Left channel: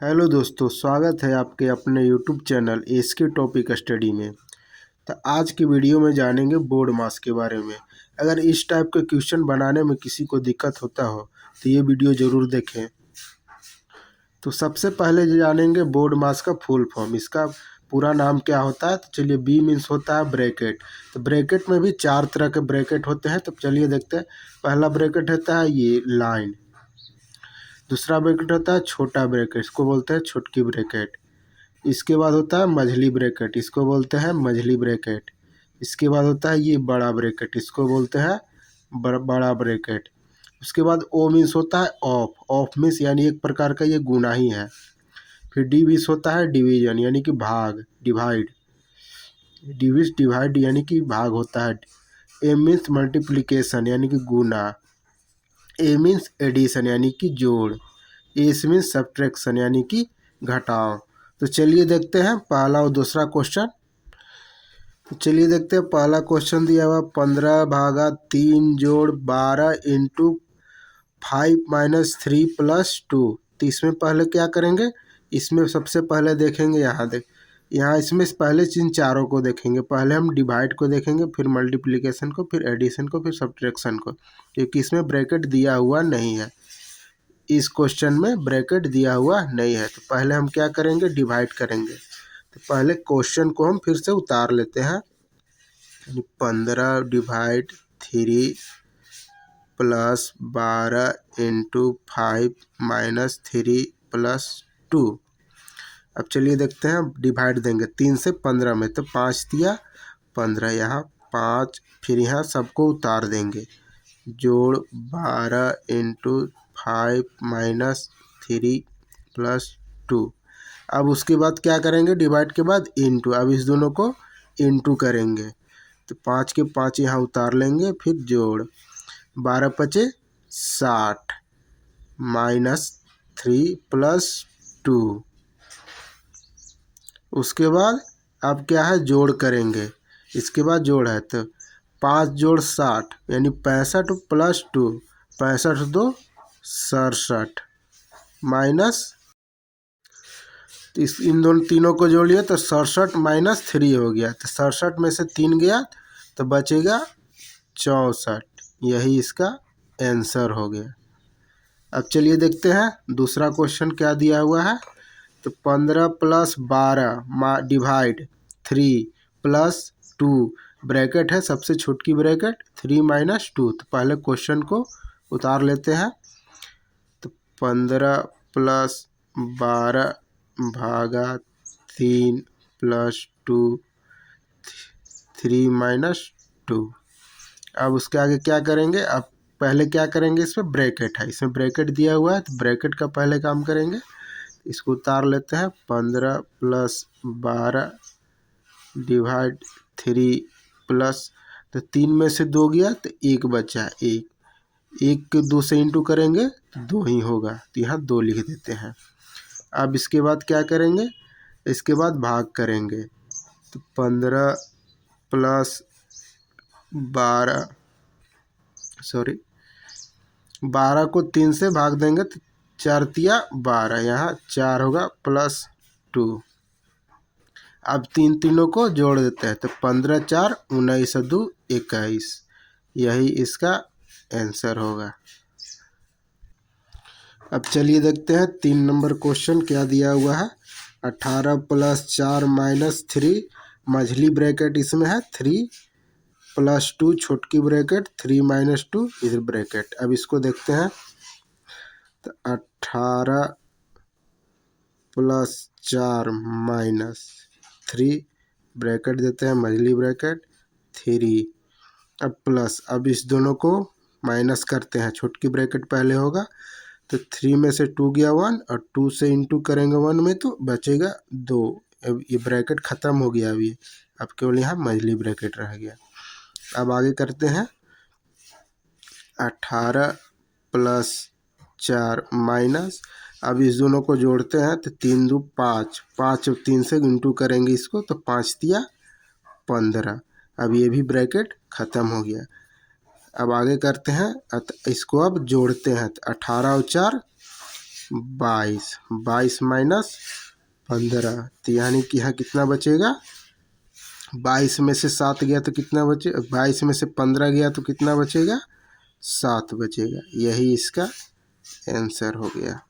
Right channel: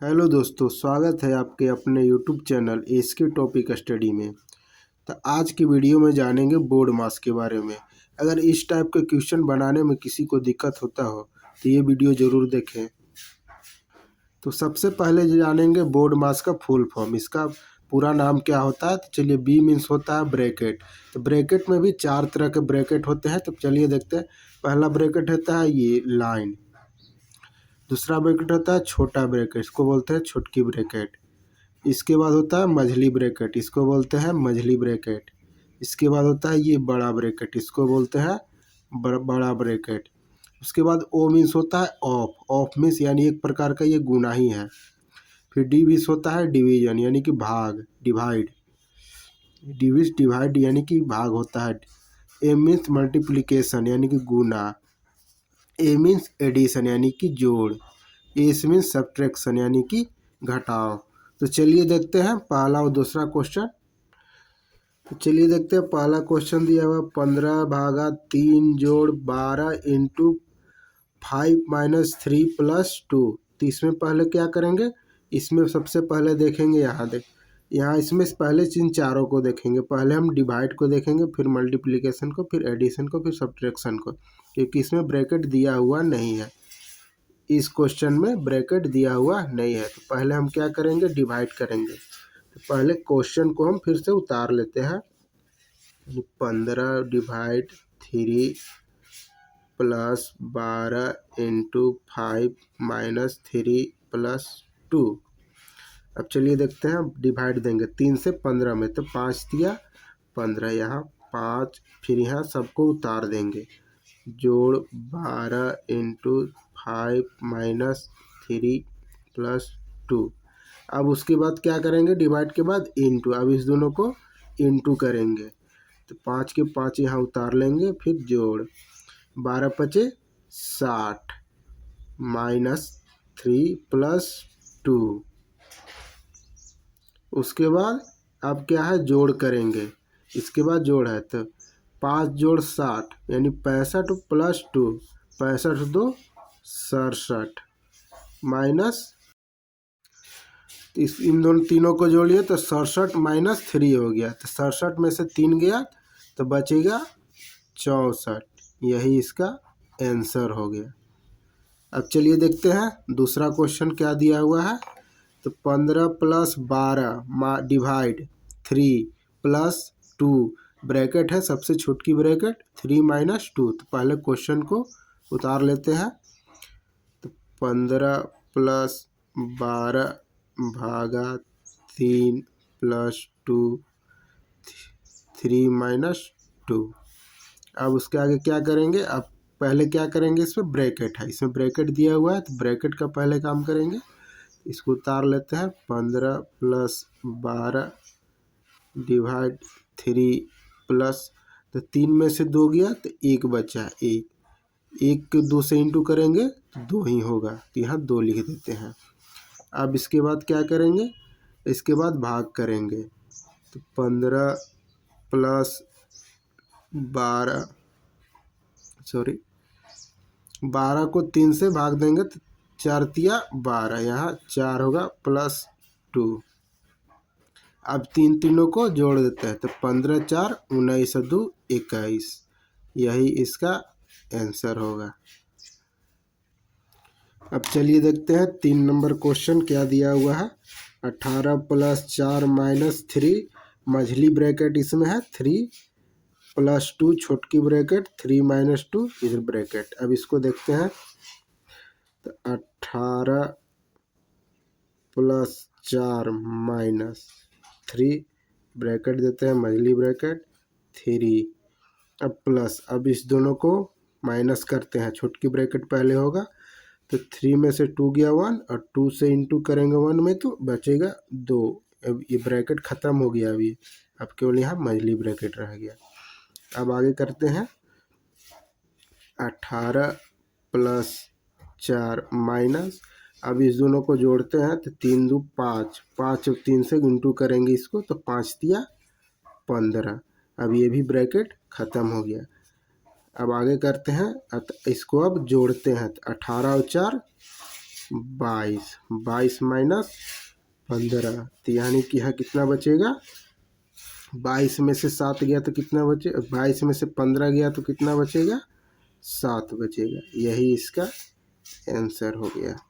Hello दोस्तों, स्वागत है आपके अपने YouTube channel SK topic study में। तो आज की वीडियो में जानेंगे बोर्ड मास के बारे में। अगर इस टाइप के क्वेश्चन बनाने में किसी को दिक्कत होता हो तो ये वीडियो ज़रूर देखें। तो सबसे पहले जानेंगे बोर्ड मास का फुल फॉर्म। इसका पूरा नाम क्या होता है? तो चलिए, बी मीन्स होता है ब्रैकेट। तो ब्रैकेट में भी 4 तरह के ब्रैकेट होते हैं। तो चलिए देखते हैं। पहला ब्रैकेट होता है ये लाइन। दूसरा ब्रैकेट होता है छोटा ब्रैकेट, इसको बोलते हैं छोटकी ब्रैकेट। इसके बाद होता है मझली ब्रैकेट, इसको बोलते हैं मझली ब्रैकेट। इसके बाद होता है ये बड़ा ब्रैकेट, इसको बोलते हैं बड़ा ब्रैकेट। उसके बाद ओ मीन्स होता है ऑफ। ऑफ मीन्स यानी एक प्रकार का ये गुना ही है। फिर डी मीन्स होता है डिवीजन यानी कि भाग, डिवाइड। डिविज डिवाइड यानी कि भाग होता है। ए मीन्स मल्टीप्लिकेशन यानी कि गुना। ए मीन्स एडिशन यानी कि जोड़। एस मीन्स सब्ट्रैक्शन यानी कि घटाव। तो चलिए देखते हैं पहला और दूसरा क्वेश्चन। तो चलिए देखते हैं पहला क्वेश्चन दिया हुआ 15/3 जोड़ 12 इंटू 5-3 + 2। तो इसमें पहले क्या करेंगे? इसमें सबसे पहले देखेंगे यहाँ इसमें पहले इन चारों को देखेंगे। पहले हम डिवाइड को देखेंगे, फिर मल्टीप्लिकेशन को, फिर एडिशन को, फिर सब्ट्रैक्शन को, क्योंकि इसमें ब्रैकेट दिया हुआ नहीं है। इस क्वेश्चन में ब्रैकेट दिया हुआ नहीं है। तो पहले हम क्या करेंगे? डिवाइड करेंगे। तो पहले क्वेश्चन को हम फिर से उतार लेते हैं। 15/3 + 12 इंटू 5-3 + 2। अब चलिए देखते हैं, डिवाइड देंगे 3 से 15 में, तो 5 दिया 15, यहाँ 5, फिर यहाँ सबको उतार देंगे। जोड़ 12 इंटू 5-3 + 2। अब उसके बाद क्या करेंगे? डिवाइड के बाद इंटू। अब इस दोनों को इंटू करेंगे, तो 5 के 5 यहाँ उतार लेंगे, फिर जोड़ 12 × 5 = 60 -3 + 2। उसके बाद अब क्या है? जोड़ करेंगे। इसके बाद जोड़ है, तो 5 जोड़ 60 यानी 65 + 2, 65 2 67 माइनस, इन दोनों तीनों को जोड़ लिया तो 67 - 3 हो गया। तो 67 में से 3 गया तो बचेगा 64। यही इसका आंसर हो गया। अब चलिए देखते हैं दूसरा क्वेश्चन क्या दिया हुआ है। तो 15 + 12 डिवाइड 3 + 2 ब्रैकेट है, सबसे छोटकी ब्रैकेट 3 - 2। तो पहले क्वेश्चन को उतार लेते हैं। तो 15 + 12 भागा 3 + 2 3 - 2। अब उसके आगे क्या करेंगे? अब पहले क्या करेंगे? इसमें ब्रैकेट है, इसमें ब्रैकेट दिया हुआ है, तो ब्रैकेट का पहले काम करेंगे। इसको उतार लेते हैं। 15 + 12 डिवाइड 3 प्लस, तो 3 में से 2 गया तो 1 बचा। 1 को 2 से इंटू करेंगे तो 2 ही होगा, तो यहाँ 2 लिख देते हैं। अब इसके बाद क्या करेंगे? इसके बाद भाग करेंगे। तो 15 + 12 12 को 3 से भाग देंगे तो 4 तिया 12, यहाँ 4 होगा +2। अब तीनों को जोड़ देते हैं, तो 15 × 4 = 19 + 2 = 21। यही इसका आंसर होगा। अब चलिए देखते हैं 3 नंबर क्वेश्चन क्या दिया हुआ है। 18 + 4 - 3 मझली ब्रैकेट इसमें है, 3 + 2 छोटकी ब्रैकेट, 3 - 2 इधर ब्रैकेट। अब इसको देखते हैं। तो 18 + 4 - 3 ब्रैकेट देते हैं, मझली ब्रैकेट 3। अब प्लस, अब इस दोनों को माइनस करते हैं। छोटकी ब्रैकेट पहले होगा, तो 3 में से 2 गया 1, और 2 से इंटू करेंगे 1 में तो बचेगा 2। अब ये ब्रैकेट ख़त्म हो गया। अभी अब केवल यहाँ मझली ब्रैकेट रह गया। अब आगे करते हैं। 18 + 4 माइनस, अब इस दोनों को जोड़ते हैं, तो 3 2 5, 5 और 3 से इंटू करेंगे इसको, तो 5 तिया 15। अब ये भी ब्रैकेट ख़त्म हो गया। अब आगे करते हैं, इसको अब जोड़ते हैं। तो 18 और 4 22, 22 माइनस 15, तो यानी कि यहाँ कितना बचेगा, 22 में से 7 गया तो कितना बचे, 22 में से 15 गया तो कितना बचेगा, 7 बचेगा। यही इसका आंसर हो गया।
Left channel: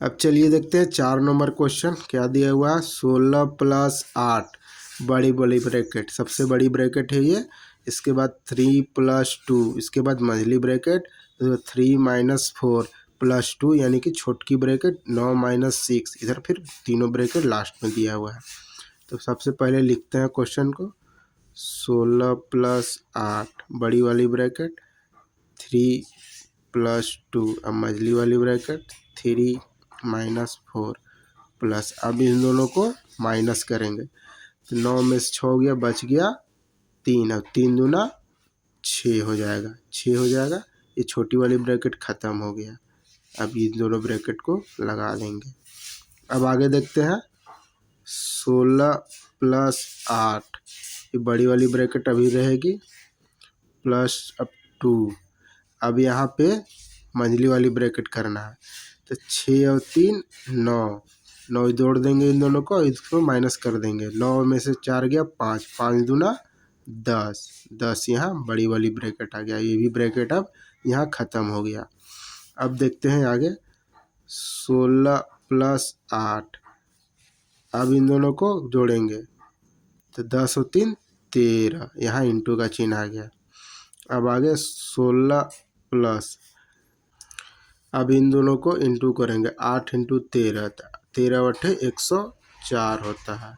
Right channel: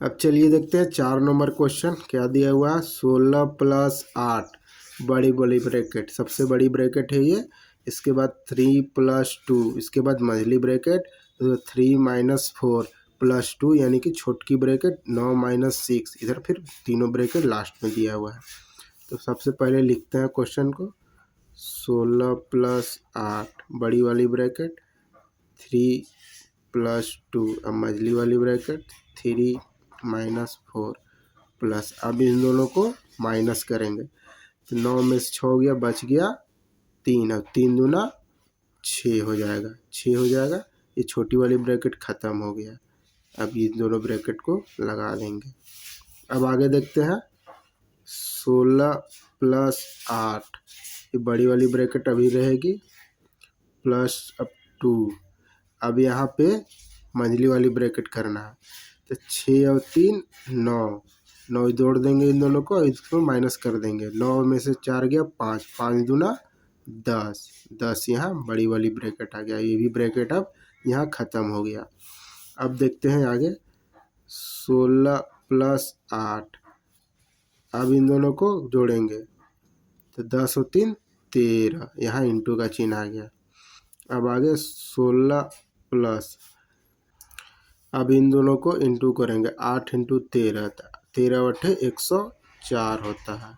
अब चलिए देखते हैं 4 नंबर क्वेश्चन क्या दिया हुआ है। 16 + 8 बड़ी बड़ी ब्रैकेट, सबसे बड़ी ब्रैकेट है ये। इसके बाद 3 + 2, इसके बाद मझली ब्रैकेट, तो 3 - 4 + 2 यानी कि छोटकी ब्रैकेट, 9 - 6, इधर फिर तीनों ब्रैकेट लास्ट में दिया हुआ है। तो सबसे पहले लिखते हैं क्वेश्चन को। 16 + 8 बड़ी वाली ब्रैकेट, 3 + 2, अब मझली वाली ब्रैकेट, 3 - 4 प्लस, अब इन दोनों को माइनस करेंगे तो 9 में से 6 गया, बच गया 3, अब 3 दूना 6 हो जाएगा, 6 हो जाएगा। ये छोटी वाली ब्रैकेट ख़त्म हो गया। अब इन दोनों ब्रैकेट को लगा देंगे। अब आगे देखते हैं 16 + 8, ये बड़ी वाली ब्रैकेट अभी रहेगी, प्लस अब 2, अब यहाँ पे मंझली वाली ब्रैकेट करना है, तो 6 और 3 9, 9 जोड़ देंगे इन दोनों को, इसको माइनस कर देंगे। 9 में से 4 गया, 5, 5 दूना 10, 10 यहाँ बड़ी वाली ब्रैकेट आ गया। ये भी ब्रैकेट अब यहाँ ख़त्म हो गया। अब देखते हैं आगे 16 + 8, अब इन दोनों को जोड़ेंगे तो 10 और 3 13, यहाँ इंटू का चिन्ह आ गया। अब आगे 16 प्लस, अब इन दोनों को इंटू करेंगे, 8 × 13, 13 × 8 104 होता है।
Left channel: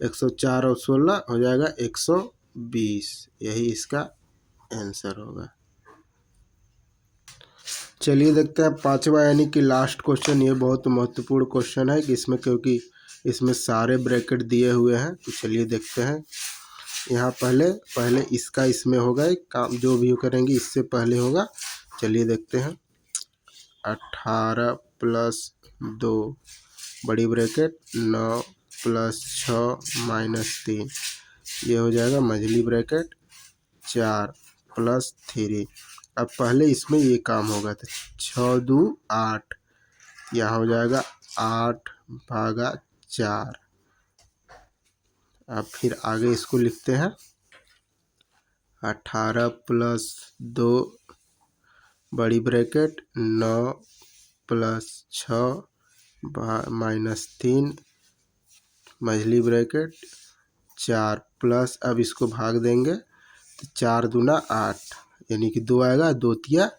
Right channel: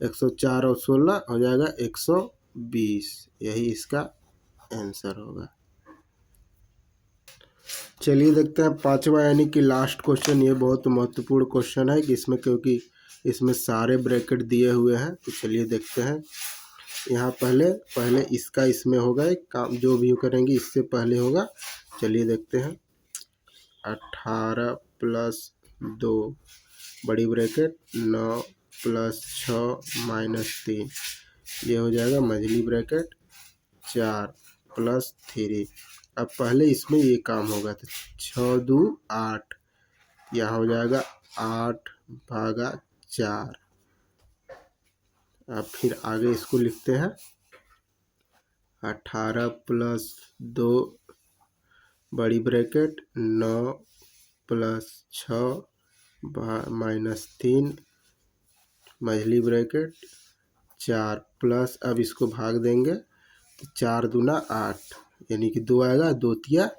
104 और 16 हो जाएगा 120, यही इसका आंसर होगा। चलिए देखते हैं 5वां यानी कि लास्ट क्वेश्चन। ये बहुत महत्वपूर्ण क्वेश्चन है कि इसमें, क्योंकि इसमें सारे ब्रैकेट दिए हुए हैं। तो चलिए देखते हैं। यहाँ पहले इसका इसमें होगा, एक काम जो भी करेंगे इससे पहले होगा। चलिए देखते हैं 18 + 2 बड़ी ब्रैकेट, 9 + 6 - 3, ये हो जाएगा मझली ब्रैकेट, 4 + 3। अब पहले इसमें ये काम होगा तो 6 2 8, यहाँ हो जाएगा 8/4। अब फिर आगे इसको लिखते हैं 18 + 2 बड़ी ब्रैकेट, 9 + 6 - 3 मझली ब्रैकेट, 4 प्लस, अब इसको भाग देंगे तो 4 दूना 8, यानी कि 2 आएगा, 2 तिया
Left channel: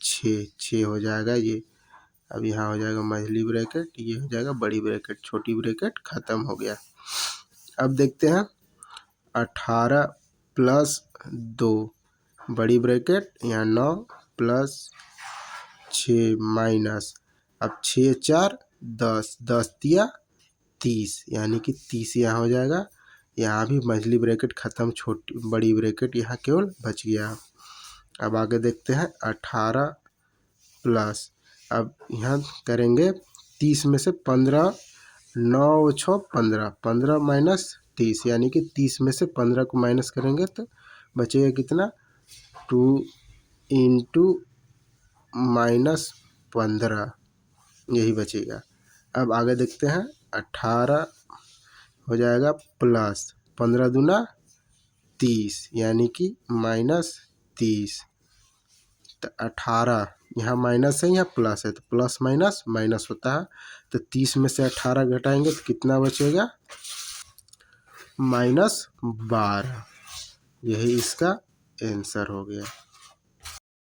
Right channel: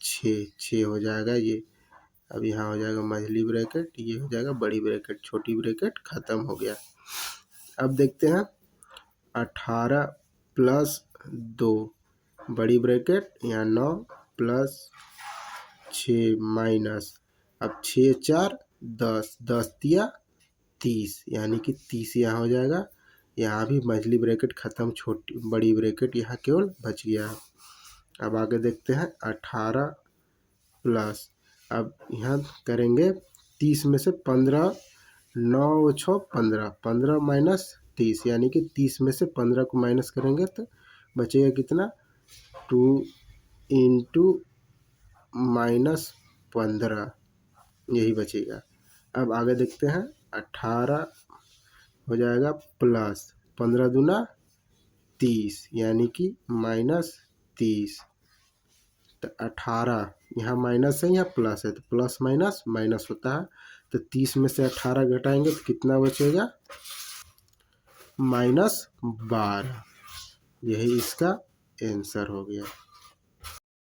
6, 6 हो जाएगा ये। अब यहाँ हो जाएगा मझली ब्रैकेट, ये हो जाएगा बड़ी ब्रैकेट, छोटी ब्रैकेट ख़त्म हो गया। अब देखते हैं 18 + 2 बड़ी ब्रैकेट, यहाँ 9 + 6 माइनस, अब 6 4 10, 10 तिया 30, यानी कि 30 यहाँ हो जाएगा। यहाँ भी मझली ब्रैकेट ख़त्म, छोटी बड़ी ब्रैकेट यहाँ केवल बच गया। अब आगे देखते हैं 18 प्लस, अब यहाँ करेंगे 30 में से 15, 9 और 6 15, 15 माइनस 30, यानी कि 30 में से 15 को माइनस करेंगे तो बचेगा कितना, 2 × -15, यही बचेगा। अब आगे देखते हैं 18 हो जाएगा प्लस 15 दूना 30, यानी कि -30, तो 18 यहाँ माइनस है, यहाँ प्लस है, तो प्लस माइनस माइनस होता है। तो 30 में से 18 घटाएंगे तो कितना बचेगा, -12, यही इसका आंसर हो गया।